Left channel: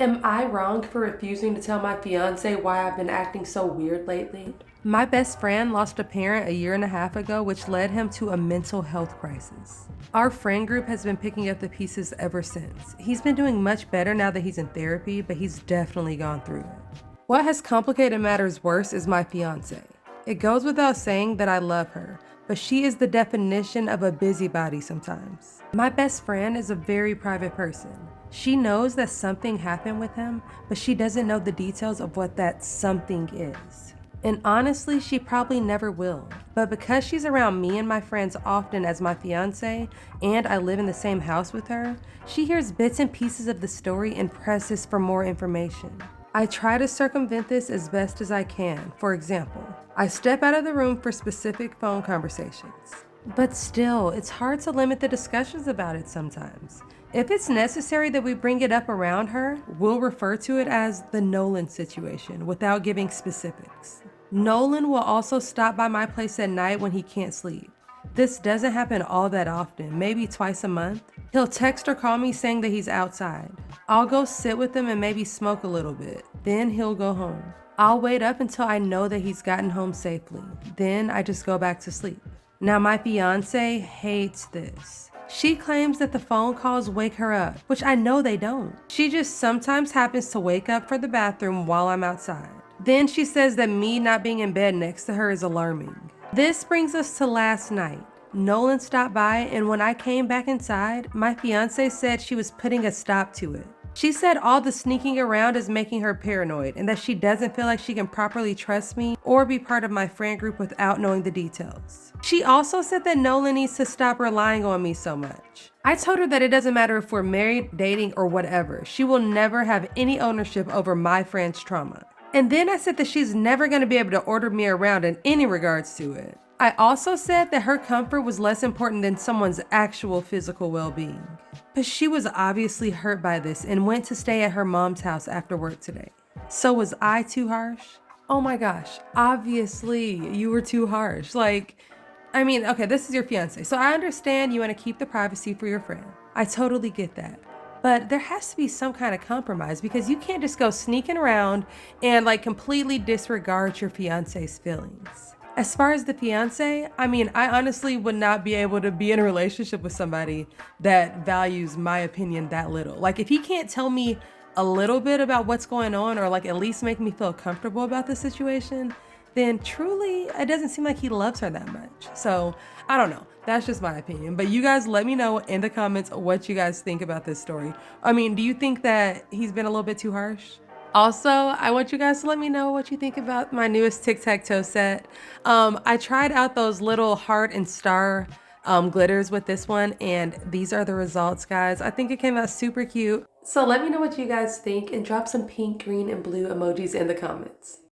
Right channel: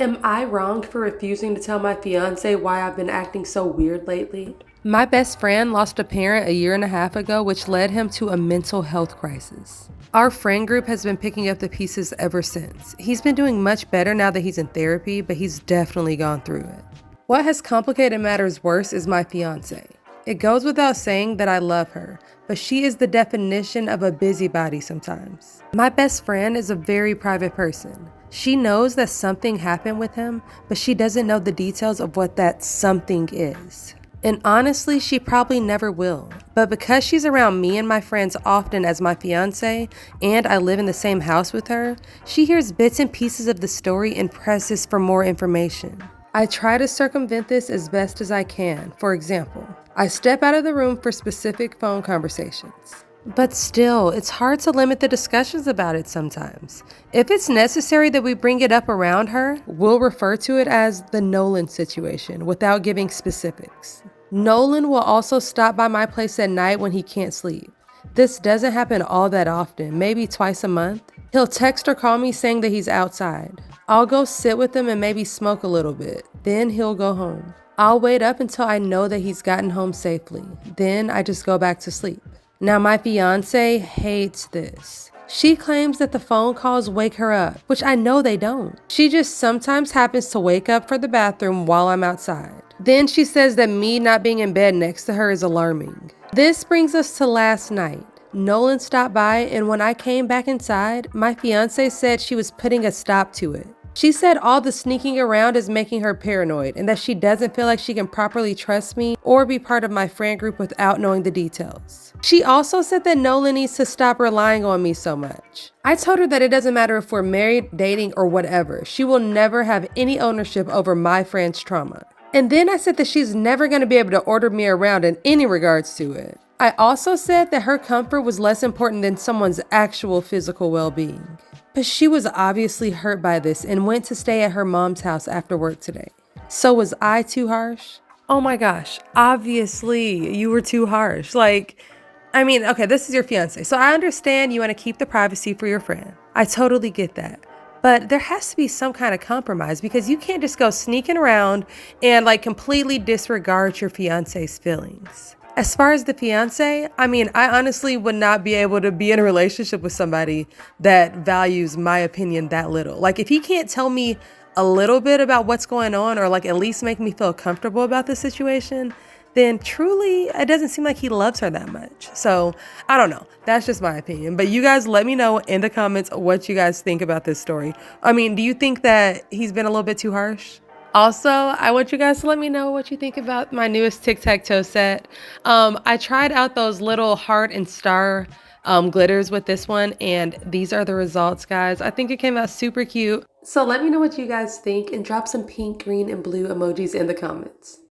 Am I wrong for refusing to tell my fiance why I've been acting so weird lately? My best friend lost a parent a year and a half ago, which led him to a mental health crisis. Our friend group has been picking up the pieces ever since. He's been doing much better now that he's in therapy, but he's definitely gone through it. What has complicated matters worse is my fiance. It goes without saying that I love her, but she is the definition of a busybody sometimes. My best friend is a very private person. She knows that something happened with him, but she doesn't know the details of what that something is. And honestly, she probably never will. But because she's around me and my friends often as my fiance, and I live in the same house with her, she hears bits and pieces of the story and presses for more information. I try to circumvent this as best as I can. For example, I step out of the room for specific phone conversations. But still, it's hard to limit the discussions about it sometimes. If it's necessary that we bring it up around her, we'll refer to it as the Nolan situation without giving specifics. Nolan will also stop by my place at night when he can't sleep. This doesn't happen all that often, maybe twice a month. He'll text or call me saying that he's outside. I'll go sit with him and maybe smoke a little bit. Then he'll go home. I'll wait up until I know that he's gotten home safely. Then I just go back to sleep. Now, my fiance hates this. She claims that the phone calls wake her up, which I know they don't. She just sometimes happens to wake up for the bathroom while I'm outside. Then she says that me not being in bed next to her is alarming. This brings us to last night. Nolan stopped by, and when I came back inside, my fiance said she was putting a stop to it. She said all the sneaking around is making her paranoid and that she doesn't feel like she can properly trust me or be part of my friend group without knowing the details. She also said that Nolan needs to stop relying on me so much. I told her that it doesn't matter if we're married, dating, or whatever. She will never have any ownership over my friend's trauma. And then I said that she's never going to be able to order me around in any regards to it. I also said that her comfort was less important than someone's actual physical well-being. But she was obviously hurt by this and went to stay at her mom's house after work today. So was I too harsh? Oh my gosh, obviously you were too harsh. Okay, this is your fiance. So I understand you want to keep the privacy for your friend. I totally get that. But there has to be some kind of compromise because you can't just go sneaking around and completely disregard your fiance's feelings. As far as the fiance, I honestly would not be able to be in a relationship with somebody that values my opinion that little. Like, if he can't tell me a little bit about what's going on or at least make me feel comfortable about the situation, then truly it doesn't seem like he loves her that much. So I don't know. That's just my opinion. But you guys let me know in the comments what you guys think about this story. Do you think that he's been a little bit too harsh? Also, I want you guys to let me know what you think about my newest tic-tac-toe set. I tried out those little heart and star glitters with this one, and these are the results, guys. I think it came out super cute. So let me know what you guys think and drop some pink, green, and blue emojis in the comments.